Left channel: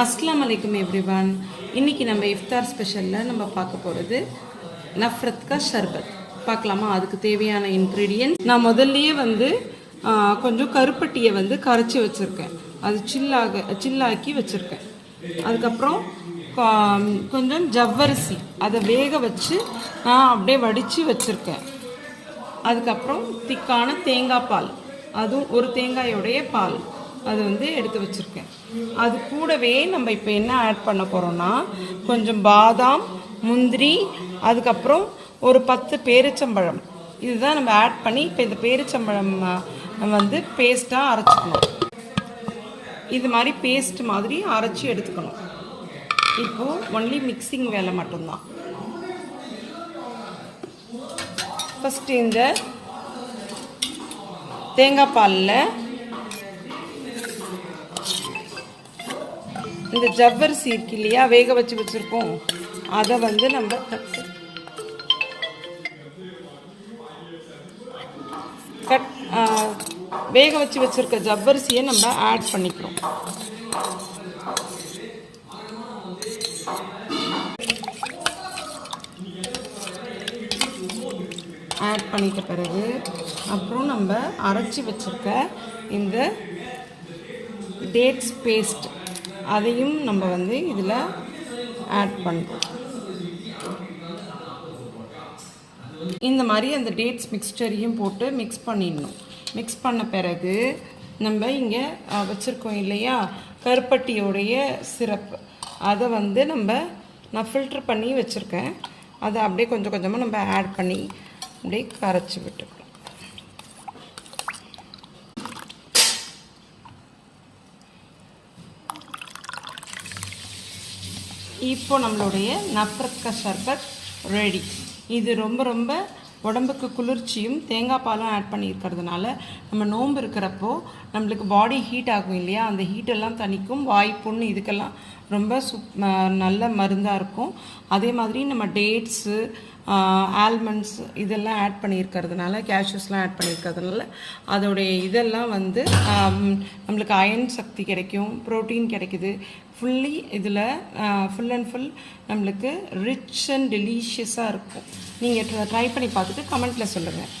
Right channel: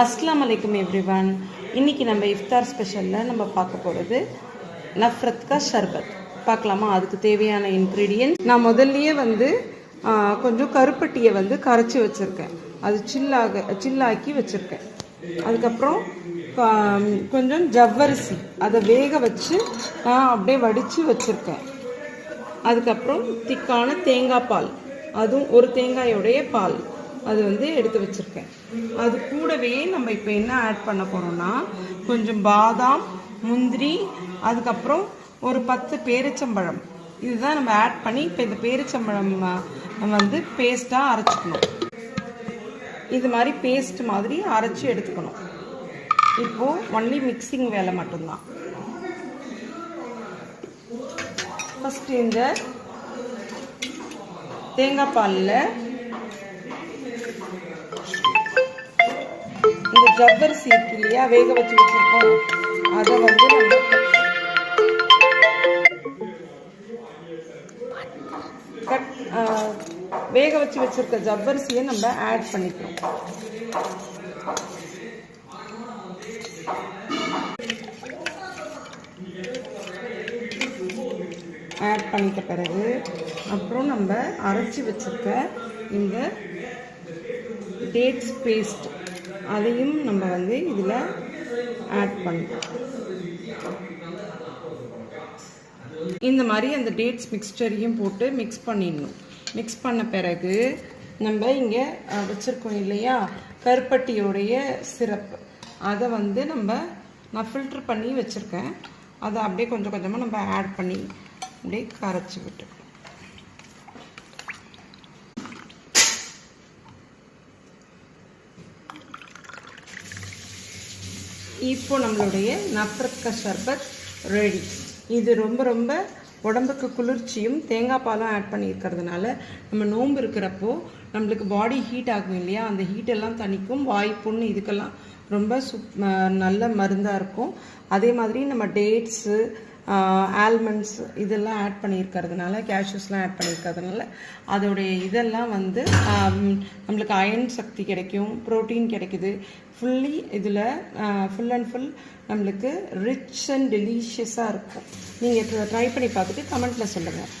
அஸ்ஸலாமு அலைக்கும் எவ்ரிவன். இன்றைக்கி நம்ம இஃப்தார் ஸ்பெஷலில் நம்ம பார்க்க போகிறது நஃப்ரத் கா ஷர்பத். பார்க்கலாமா? அதுக்கு தேவையான இன்க்ரீடியன்ட் நான் முதல்லையே கொஞ்சம் கருப்பட்டியை கரைச்சி வச்சுருக்கேன். அது சில்லாக்கி வச்சுருக்கேன். அதுக்கப்புறம் கொஞ்சம் ஜவ்வரிசி அதை வேக வச்சு அப்படியே வடித்து வச்சுருக்கேன். அதுக்கப்புறம் திக்கான தேங்காய் பால், அதுவும் ஒரு தேங்காயோடைய பால் அது எடுத்து வச்சுருக்கேன். அது கூடவே நம்ம இப்போ என்ன ஆட் பண்ண போகிறோன்னா கொஞ்சம் பாதாம், முந்திரி, அதுக்கப்புறம் ஒரு 10 பேரிச்சம்பழம், இதுதான் நம்ம ஆட் பண்ணி இப்போ இந்த பேரிச்சம்பழம் பேஸ்ட்டாக அரைச்சிக்கணும். இது மாதிரி பேஸ்ட் மாதிரி அரைச்சி எடுத்துக்கணும். இப்போது ஒன்லி மிக்சிங் வேலை மட்டும்தான். ஃபஸ்ட்டு இந்த தேங்காய் பாலில் இந்த ஜவ்வரிசி இருக்கு இல்லையா, வேக வச்சு வச்சுருக்கோம், அதை நம்ம வேக வச்சு வச்சுருக்க ஜவ்வரிசியை நம்ம ஆட் பண்ணிக்கிறோம். ஆட் பண்ணிட்ட பிறகு அப்புறம் நம்ம அரைச்சி வச்சுருக்க இந்த டேட்ஸ் பேஸ்ட் அதையும் நம்ம இதில் ஆட் பண்ணுறோம். இந்த மாதிரி அந்த டேட்ஸ் மிக்ஸ்சரையும் போட்டு மிக்ஸ் பண்ணிடணும். மிக்ஸ் பண்ண பிறகு நம்ம இங்கே வச்சுருக்கோம் இல்லையா கருப்பட்டியோடைய சிரப்பு, அதை நான் ஃபில்ட்ரு பண்ணி வச்சுருக்கேன். அதை அப்படியே கொஞ்சம் கொஞ்சமாக நம்ம ஆட் பண்ணி அப்படியே கரைச்சி விட்டுருக்கோம். இப்போ நம்மளுடைய நஃப்ரத் கா ஷர்பத் ரெடி. இது ரொம்ப ரொம்ப உடம்புக்கு குளிர்ச்சியும் தேங்காய் பாலும் ஆட் பண்ணியிருக்கிறதுனால நம்ம நோன்பு இருக்கிறப்போ நம்மளுக்கு பாடி ஹீட் ஆகும் இல்லையா, அந்த ஹீட்டெல்லாம் தணிக்கும். வாய் புண் இதுக்கெல்லாம் ரொம்ப நல்ல மருந்தாக இருக்கும். அதே மாதிரி நம்ம டேட்ஸு, ஆல்மண்ட்ஸ் இதெல்லாம் ஆட் பண்ணியிருக்கிறதுனால, கேஷ்யூஸ்லாம் ஆட் பண்ணியிருக்கிறதுனால அதோடைய இதெல்லாம் நம்மளுக்கு அயன் சக்தி கிடைக்கும், ப்ரோட்டீன் கிடைக்குது. ஃபுல்லி இதில் ஃபுல் அண்ட் ஃபுல் நம்மளுக்கு ரிச் அண்ட் டெலிஷியஸாக இருக்கும். நீங்கள் ட்ரை பண்ணி பார்த்துட்டு கமெண்ட்டில் சொல்லுங்கள்.